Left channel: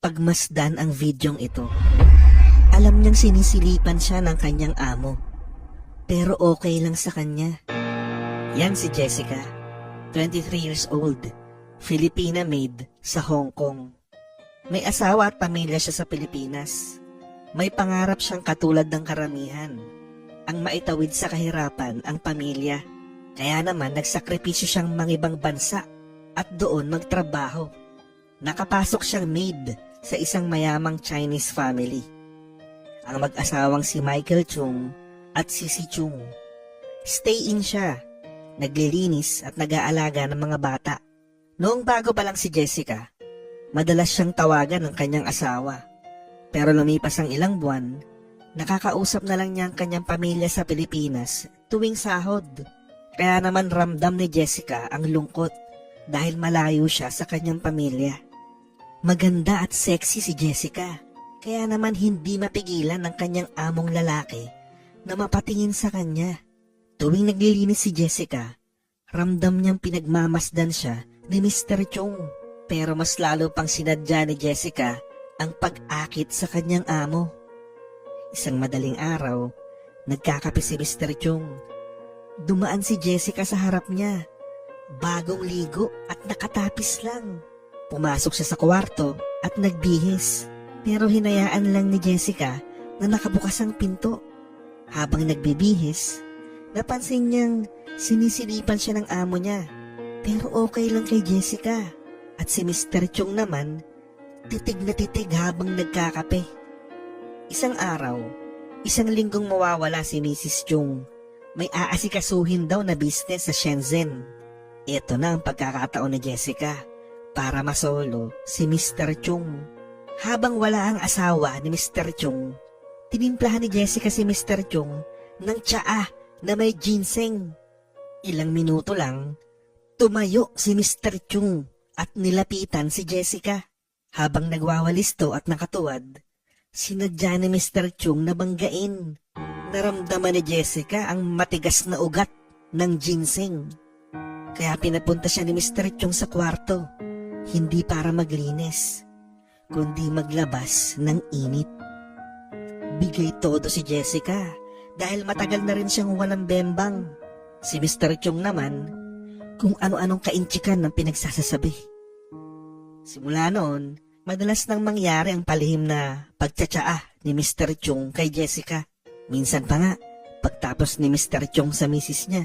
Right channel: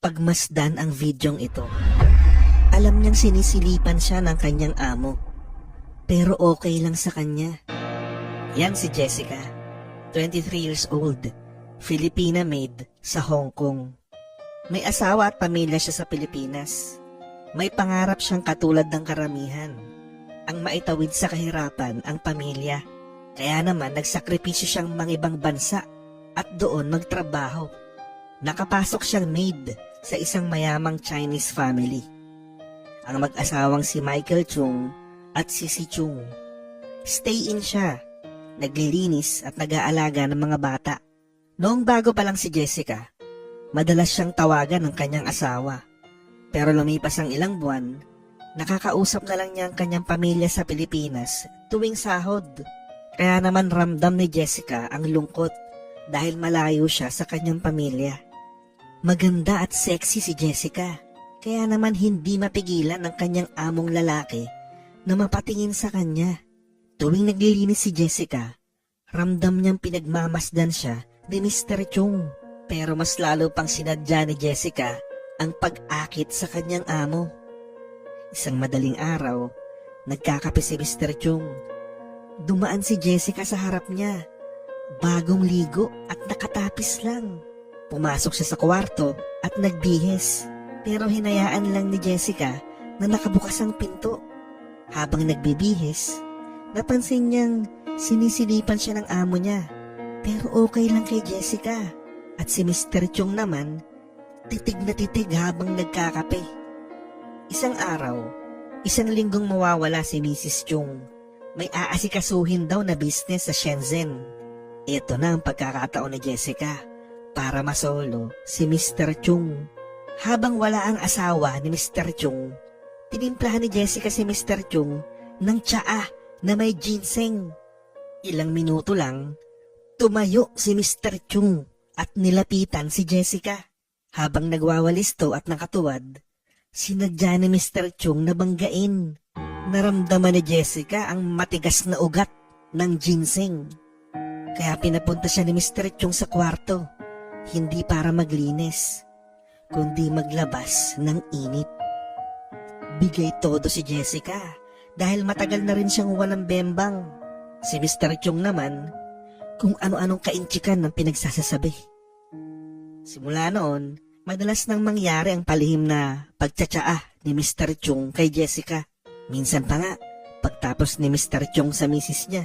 pagmasdan ang videong ito. Alam niyang sinisilipan siya ng kanyang amo, pero okay lang sa kanya. Yan si Jessica, 23 years old, Filipina maid sa Hong Kong. May asawa at pamilya siya sa Pilipinas. May pangarap siyang katulad ng karamihan, ang maitawid sa kahirapan ang pamilya. Kaya naman nagsakripisyo siyang mangibang bansa at doon magtrabaho. Nakapasok siyang maid sa isang mayamang Chinese family. Ang mag-asawang si Michael Chung at si Chung. Stay-in siya, naglilinis at nag-aalaga ng mga bata. Noong bago pa lang si Jessica, madalas siyang tawagan ng kanyang asawa. Pero lumipas ang ilang buwan, nakakausap na lang niya ang kanyang pamilya sa Pilipinas tuwing sahod. Kaya naman ramdam ni Jessica ang lungkot dahil malayo siya sa kanyang pamilya. Maganda at sexy si Jessica, kaya naman hindi mapigilan ng kanyang among lalaki na mapatingin sa kanya. Tuwing naglilinis si Jessica, ramdam niyang pinagmamasdan siya ni Mr. Chung. Pero mas lalo pang sinadya ni Jessica ang pag-akit sa kanyang amo. Isang madaling araw, nagkakape si Mr. Chung. Dumaan si Jessica sa harap niya, bagong ligo at nakatapis lang. Pumasok siya sa kwarto at nagbihis, pero hinayaan lang ni Jessica na nakabukas ang pinto. Habang nagbibihis, napansin niyang sinisilipan siya ng amo niya, pero okay lang kay Jessica. At si Mr. Chung naman, titig na titig habang nagkakape. Isang araw, isang linggong mawawala si Mrs. Chung. May aasikasuhin daw na business sa Shenzhen. Ito na ang pagkakataon ni Jessica para masolo si Mr. Chung. Habang wala ang asawa ni Mr. Chung, tinimplahan ni Jessica si Mr. Chung ng tsaa na may ginseng. Ilang minuto lang, tumayo si Mr. Chung at nilapitan si Jessica. Habang nagwawalisto at nakatuwad, sinadya ni Mr. Chung na banggain. Naramdaman ni Jessica ang matigas na ugat ng ginseng. Kaya pinapunta siya ni Mr. Chung sa kwarto, hindi para maglinis, kundi maglabas ng init. Bigay todo si Jessica dahil matagal na rin siyang walang bembang. Si Mr. Chung naman, kung ano-anong kaintsikan ng pinagsasasabi. Simula noon, madalas nang mangyari ang palihim na pagtsatsaa ni Mr. Chung kay Jessica. Minsan pa nga, pagtapos ni Mr. Chung sa misis niya,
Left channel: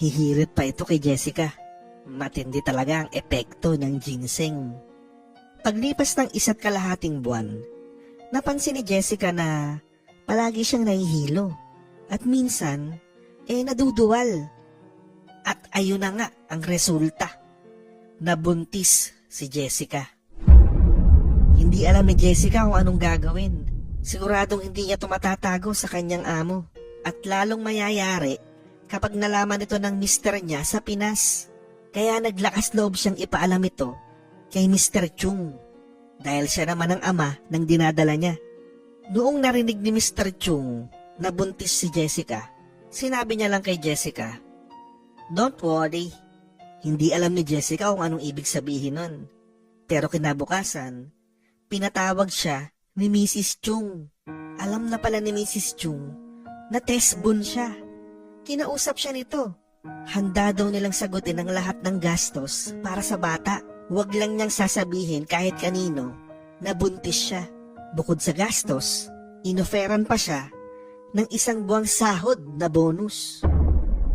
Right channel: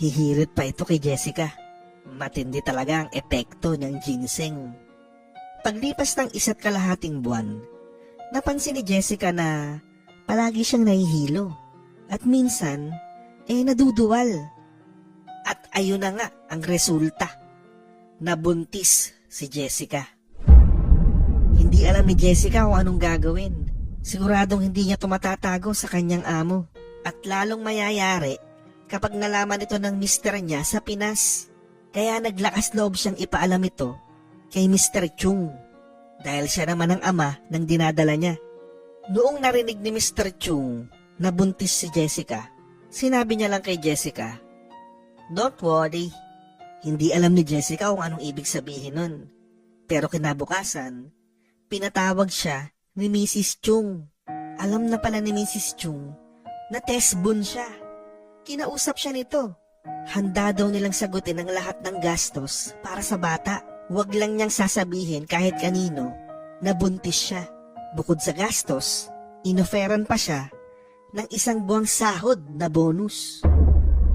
hihirit pa ito kay Jessica. Matindi talaga ang epekto ng ginseng. Paglipas ng 1.5 buwan, napansin ni Jessica na palagi siyang nahihilo at minsan naduduwal. At ayun na nga ang resulta. Nabuntis si Jessica. Hindi alam ni Jessica kung anong gagawin. Siguradong hindi niya tumatatago sa kanyang amo. At lalong mayayari kapag nalaman ito ng mister niya sa Pinas. Kaya naglakas loob siyang ipaalam ito kay Mr. Chung. Dahil siya naman ang ama ng dinadala niya. Noong narinig ni Mr. Chung na buntis si Jessica, sinabi niya lang kay Jessica, "Don't worry." Hindi alam ni Jessica kung anong ibig sabihin nun. Pero kinabukasan, pinatawag siya ni Mrs. Chung. Alam na pala ni Mrs. Chung na test-born siya. Kinausap siya nito. Handa daw nilang sagutin ang lahat ng gastos para sa bata. Huwag lang niyang sasabihin kahit kanino na buntis siya. Bukod sa gastos, inoferan pa siya ng 1 buwang sahod na bonus.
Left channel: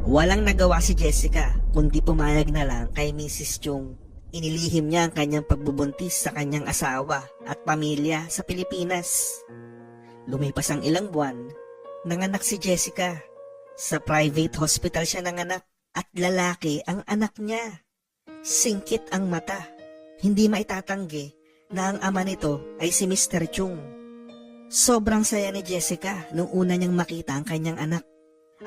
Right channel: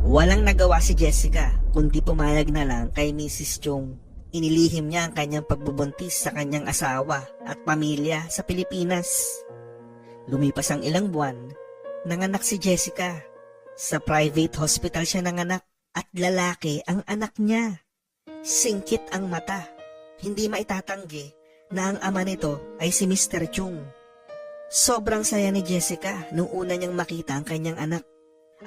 Walang nagawa si Jessica kundi pumayag na lang kay Mrs. Chung. Inilihim niya ang kanyang pagbubuntis sa kanyang asawa at pamilya sa Pilipinas. Lumipas ang ilang buwan, nanganak si Jessica. Sa private hospital siya nanganak at lalaki ang anak niya. Singkit ang mata. Hindi maitatanggi na ang ama nito ay si Mr. Chung. Sobrang saya ni Jessica nung una niyang makita ang kanyang anak.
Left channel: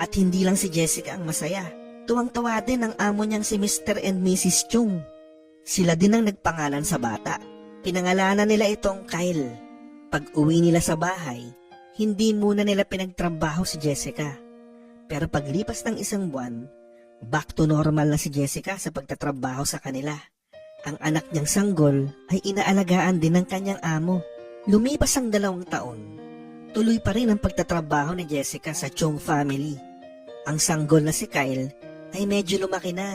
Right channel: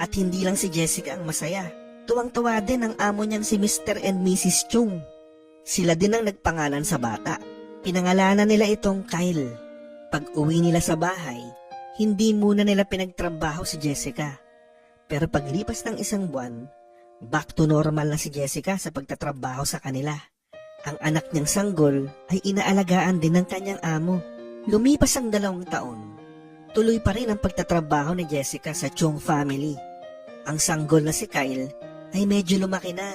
At hindi lang si Jessica ang masaya. Tuwang-tuwa din ang amo niyang si Mr. and Mrs. Chung. Sila din ang nagpangalan sa bata. Pinangalanan nila itong Kyle. Pag uwi nila sa bahay, hindi muna nila pinagtrabaho si Jessica. Pero paglipas ng 1 buwan, back to normal na si Jessica sa pagtatrabaho sa kanila. Ang anak niyang sanggol ay inaalagaan din ng kanyang amo. Lumipas ang 2 taon. Tuloy pa rin ang pagtatrabaho ni Jessica sa Chung family. Ang sanggol na si Kyle ay medyo lumaki na.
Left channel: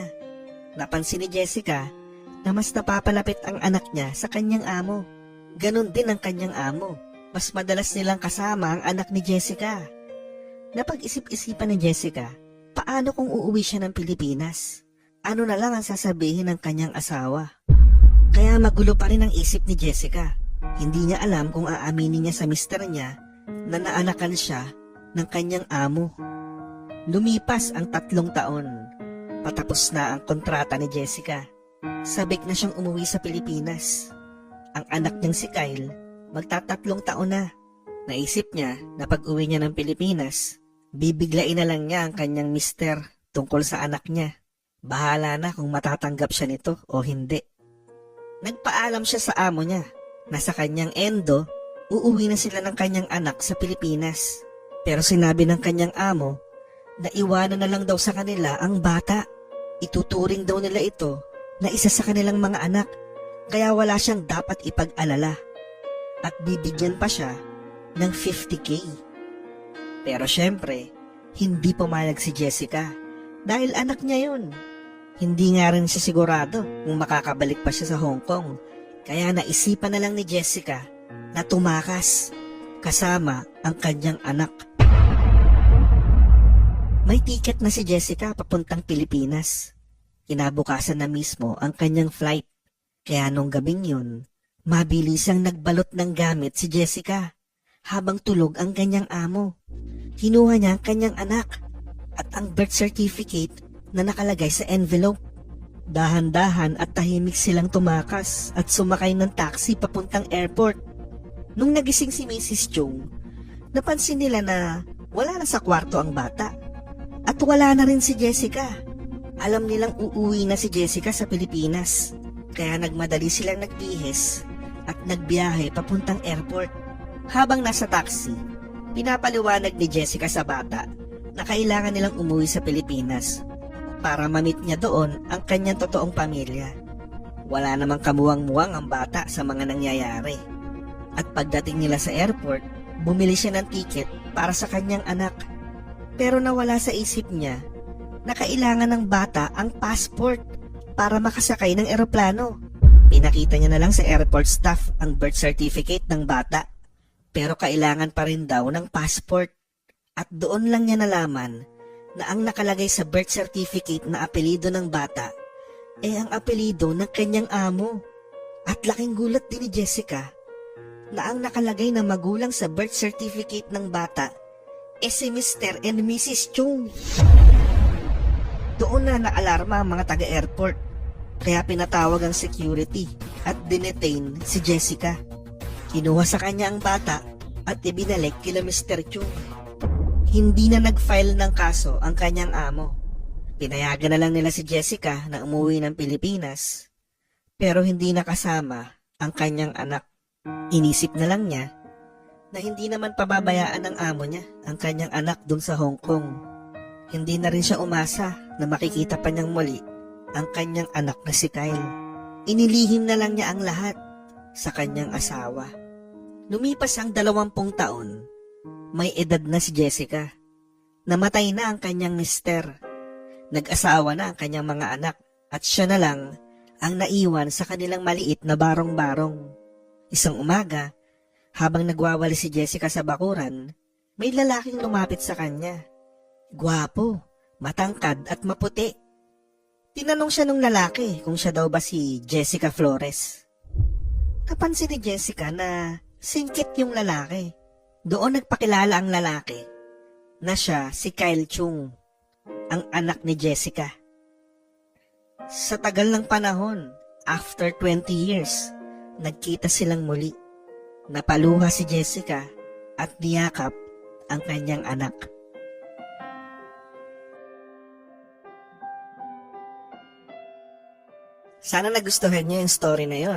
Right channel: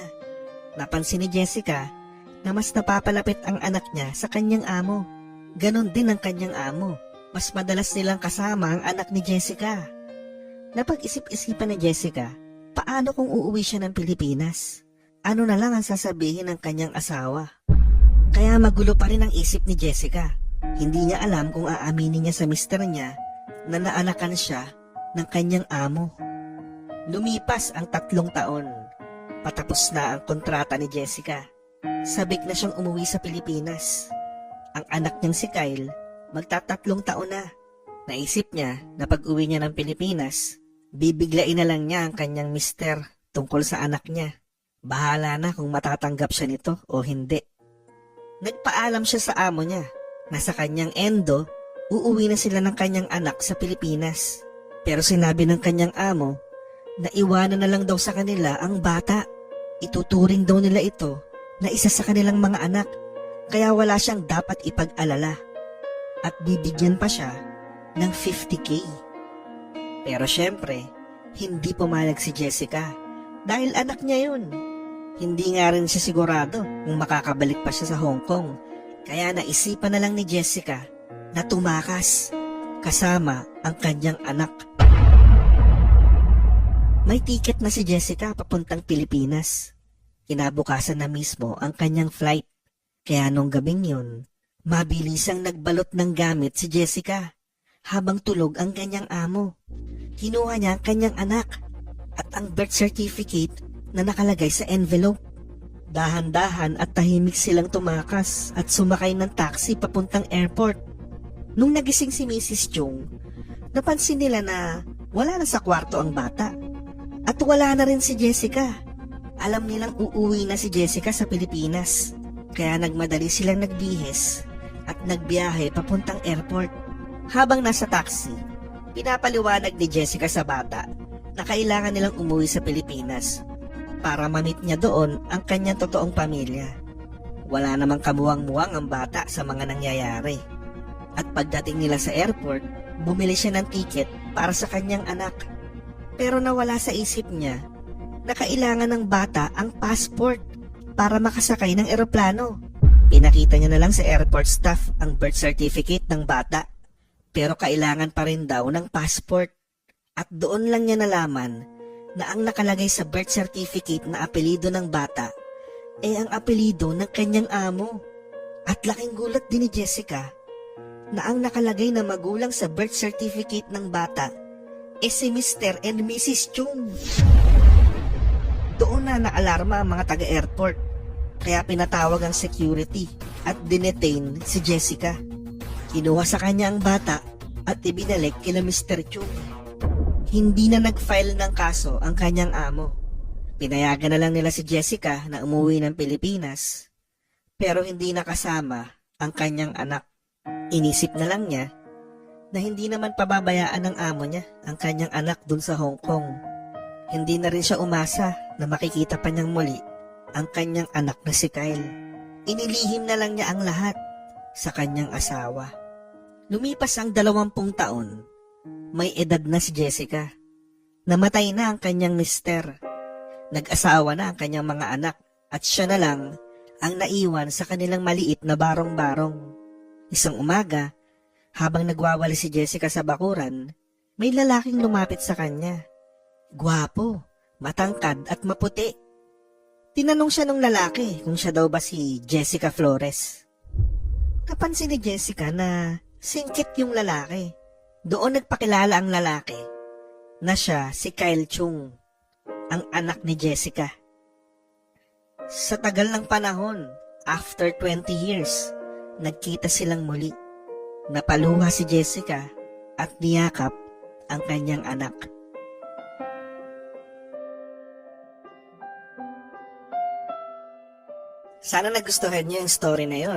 Napansin ni Jessica na mas napapalapit ang anak niya sa kanyang amo. Ganon din ang kanyang amo. Mas madalas nilang kasama ang anak ni Jessica. Napag-isip-isipan ni Jessica, paano kung uuwi siya ng Pilipinas? Ano na lang ang sasabihin ng kanyang asawa? Kaya magulo pa rin ang isip ni Jessica. Hindi niya alam kung aaminin niya sa mister niya na naanakan siya ng kanyang amo. Lumipas ang 3 taon. Patapos na ang kontrata ni Jessica. Sabik na siyang umuwi sa Pilipinas. Ang anak niyang si Kyle, magta-3 taon na. Naisip niya na pag-uwi niya ng Pilipinas, bibiglain na lang niya ang kanyang mister tungkol sa anak niya. Bahala na kung matatanggap siya nito o hindi. Nagpaalam siya sa amo niya na sa kanyang endo, uuwi na sila ng kanyang anak sa Pilipinas. Pero sinabi ng kanyang amo na iwanan na lang daw sa kanila ang bata. Ituturing daw nila ito na isa sa kanilang mga anak, kaya wala siyang dapat ipag-alala. At bibigyan pa siya ng 50K. Pero syempre, hindi pumayag si Jessica dahil anak niya yun. Hindi nga rin siya sigurado kung makakabalik pa siya sa Hong Kong. Kaya naisipan na lang ni Jessica na tumakas kasama ang kanyang anak. May ticket na si Jessica papuntang Pilipinas. Kinabukasan na mismo ang kanyang flight. Kaya nung gabing yun, mabilisang nagbalot ng gamit si Jessica habang tulog ang kanyang amo. Kinuha niya ang kanyang anak at ang birth certificate na nakalagay sa envelope. Dahan-dahan at tahimik silang tumakas at sumakay ng taxi papuntang airport. Nung nagising si Mrs. Chung, napansin nila na wala na sa kwarto ang bata. At wala na rin si Jessica. Alam nilang uuwi na si Jessica sa Pilipinas. Kaya nagmadali silang nagbihis at nagbiyahe papuntang airport. Habang nasa taxi, pinapaliwanag ni Jessica sa bata na kailangan nilang umuwi sa Pilipinas para ma-meet niya doon ang kanyang totoong pamilya. Wala namang kamuwang-muwang ang bata sa mga nangyayari. At pagdating nila sa airport, bumili siya ng ticket para sa kanyang anak. Pero nawala sa isip niya na kailangan ng bata ang passport para makasakay ng eroplano. Pinakita niya na lang sa airport staff ang birth certificate ng bata. Pero kailangan pa rin daw ng passport. At doon lang niya nalaman na ang nakalagay sa birth certificate na apelido ng bata ay ang apelido ng kanyang amo. At laking gulat din ni Jessica na ang nakalagay na magulang sa birth certificate ng bata ay si Mr. and Mrs. Chung. Doon na naalarma ang mga taga-airport, kaya pinatawag ang security at dinetain si Jessica. Kinuha sa kanya ang bata at ibinalik kila Mr. Chung. Hindi na nag-file ng kaso ang kanyang amo. Pinayagan na lang nila si Jessica na umuwi ng Pilipinas, pero hindi nakasama ang kanyang anak. Inisip na lang niya na hindi naman pababayaan ng amo niya ang kanyang anak dun sa Hong Kong. Hindi na rin siya umasa na makikita pa niyang muli ang kanyang anak na si Kyle. Inilihim na lang niya ang lahat sa kanyang asawa. Lumipas ang 20 taon. May edad na si Jessica. Namatay na ang kanyang mister. Nag-asawa na ang kanyang mga anak at siya na lang ang naiwan sa kanilang maliit na barong-barong. Isang umaga, habang nagwawali si Jessica sa bakuran, may lalaking lumapit sa kanya. Gwapo, matangkad at maputi. Tinanong siya ng lalaki kung siya daw ba si Jessica Flores. Napansin ni Jessica na singkit yung lalaki. Doon nagpakilala ang lalaki na siya si Kyle Chung, ang anak ni Jessica. Sa tagal ng panahon, after 20 years, nagkita silang muli. Napaluha si Jessica at niyakap ang kanyang anak. Sana nagustuhan niyo yung story na yon.